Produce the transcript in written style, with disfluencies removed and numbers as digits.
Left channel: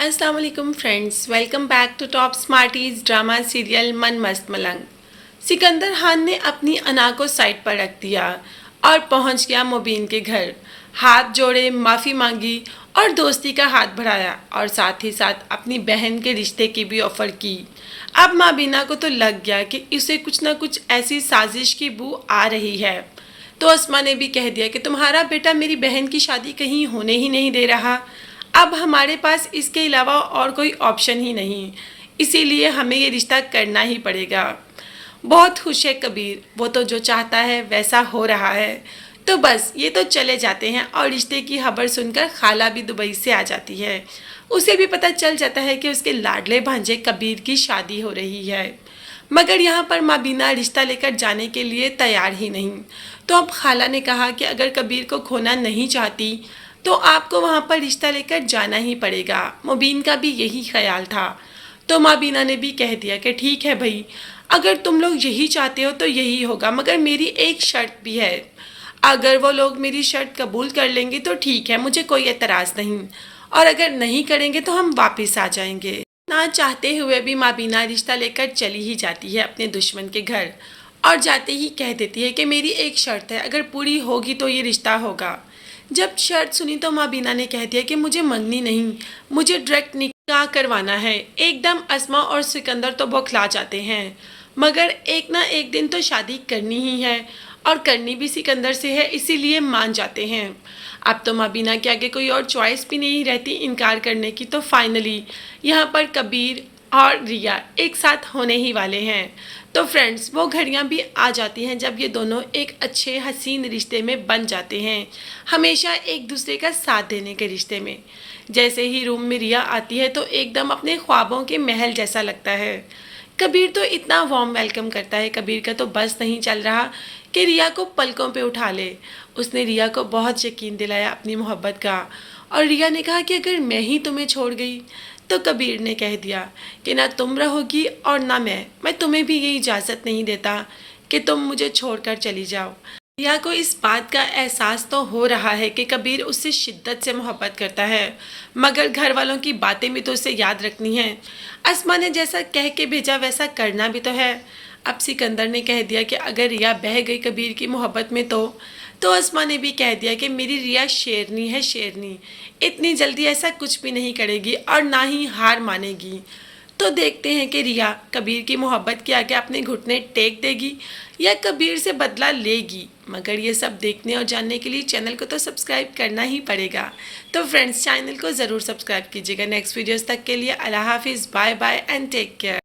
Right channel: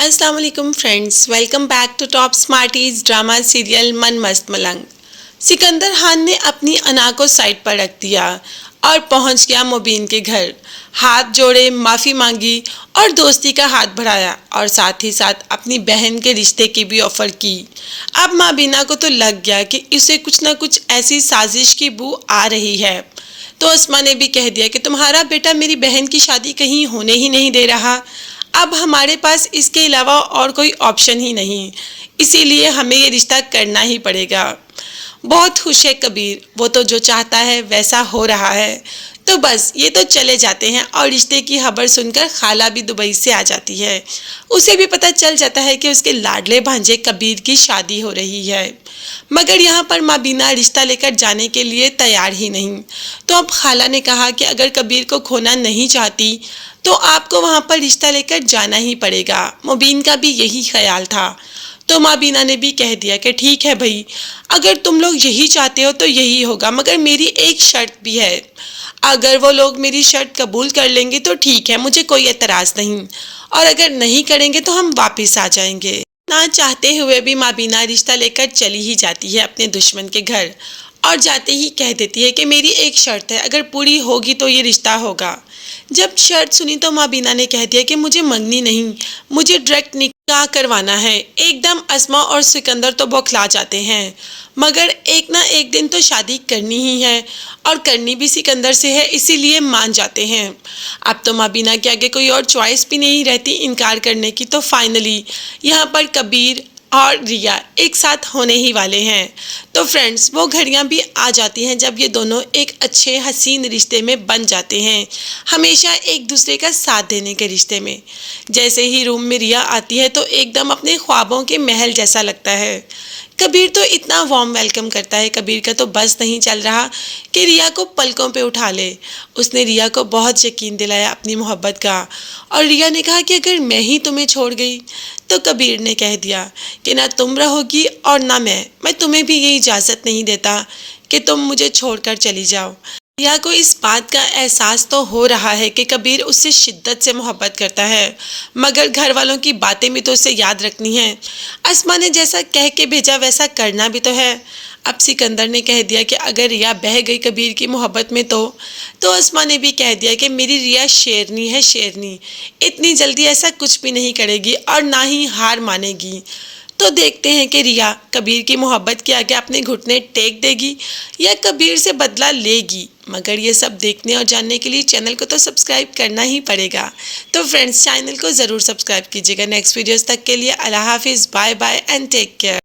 अस्सलाम वालेकुम friends, welcome back to top smarties drama serial Mann Mast मलंग। सिकंदर खान ने अपनी अना को साइड पर रख दिया और पहुंच गया मुबीन के घर। हाथ जोड़े, माफ़ी मांगी और दोस्ती का हाथ बढ़ाया और साथ ही साथ अपनी बहन के रिश्ते की भी ऑफ़र की। अब माबीना को तो लग गया कि उसे कुछ ना कुछ ऐसी साजिश की बू आ रही है, तो अस्मा ने भी कह दिया कि तुम्हारा बेटा मेरी बहन की शादी कहीं होने ही नहीं दे रहा। अब हमारे पास इसके अलावा और कोई ऑप्शन ही नहीं, इसीलिए हमें ये रिश्ता करना ही पड़ेगा। बहुत खुश है कबीर, वो तो जो चाहता है वैसा हो रहा है। तो बस ये तो चले जाते हैं और रिश्ते की खबर सुनकर खाला भी दुबई से आ जाती है। उसे भी पता चल जाता है कि उसके लाडले भांजे कबीर की शादी हो रही है, मगर यहाँ पर माबीना रिश्ता लेकर जाने के लिए तैयार ही नहीं। तो अब खाला ने कहा कि अगर कबीर को खोना नहीं चाहती तो आपको वहाँ पर रिश्ता लेकर जाना ही पड़ेगा। मुबीन का भी यही ख्याल था, तो माबीना ने भी कह दिया कि ठीक है भाई, अगर तुम लोग यही चाहते हो तो यही होगा, मगर मेरी एक शर्त भी है। अगर वो लोग मेरी शर्त कबूल कर लेंगे तो ठीक है, मुझे कोई एतराज़ नहीं, और अगर नहीं करेंगे तो हम वापस आ जाएंगे। ना चाहते हुए भी माबीना रिश्ता लेकर चली ही जाती है अपने दुश्मन के घर, और जाते ही कह देती है कि मेरी एक शर्त है, अगर पूरी होगी तो ये रिश्ता होगा। जब शर्त सुनी तो माबीना ने कह दिया कि मुझे मंगनी नहीं, मुझे डायरेक्ट निकाह करवाना है। एकदम अस्मा और सिकंदर तो बौखला जाते हैं, मगर एक ना एक दिन तो शादी करनी ही है, और करनी भी सिकंदर से है, इसीलिए मान जाते हैं। अब तो माबीना के आगे कोई और चॉइस भी नहीं रहती इनकार करने की। तो फाइनली यहाँ पर कबीर और रिया एक साथ होने ही वाले हैं। तो फ्रेंड्स, वो घड़ियाँ भी आ जाती हैं जब ये दोनों एक अच्छे हसीन रिश्ते में बन जाते हैं, हमेशा एक दूसरे का साथ देने के रिश्ते में। जैसे ही रूम में रिया आती है तो एकदम अपने ख्वाबों के महल जैसा लगता है। कबीर तो इतना वार्म वेलकम करता है, कबीर का तो बस नहीं चल रहा कि रिया को पलकों पे उठा ले। उसने रिया को बहुत यकीन दिलाया अपनी मोहब्बत का, और रिया ने कहा कि अगर मैं ही तुम्हें छोड़ गई, तो कबीर ने कह दिया कि ना तुम रहोगी और ना मैं तुम्हें भी ये इजाज़त नहीं देता कि तुम मुझे छोड़कर चली जाओ। रिया को इस बात का एहसास तो हो रहा है कि कबीर उससे शिद्दत से मोहब्बत करता है, मगर घर वालों की बातें भी तो उसे याद रखनी है। अस्मा ने जैसा कह के भेजा वैसा करना भी तो है। अब सिकंदर ने कह दिया कि अगर रिया बह गई कबीर की मोहब्बत में तो अस्मा ने भी कह दिया कि मेरी रिया शेरनी है, शेरनी, इतनी जल्दी ऐसा कुछ भी नहीं करेगी और ना ही हार मानेगी। तो देखते हैं कि रिया कबीर की मोहब्बत के आगे अपने घुटने टेक देगी या कबीर से बदला लेगी। मगर ये सब देखने और जानने के लिए चैनल को तो सब्सक्राइब करना ही पड़ेगा। तो फ्रेंड्स, चैनल को ज़रूर सब्सक्राइब कीजिएगा। नेक्स्ट वीडियोस तक के लिए अल्लाह हाफिज़, bye bye and take care.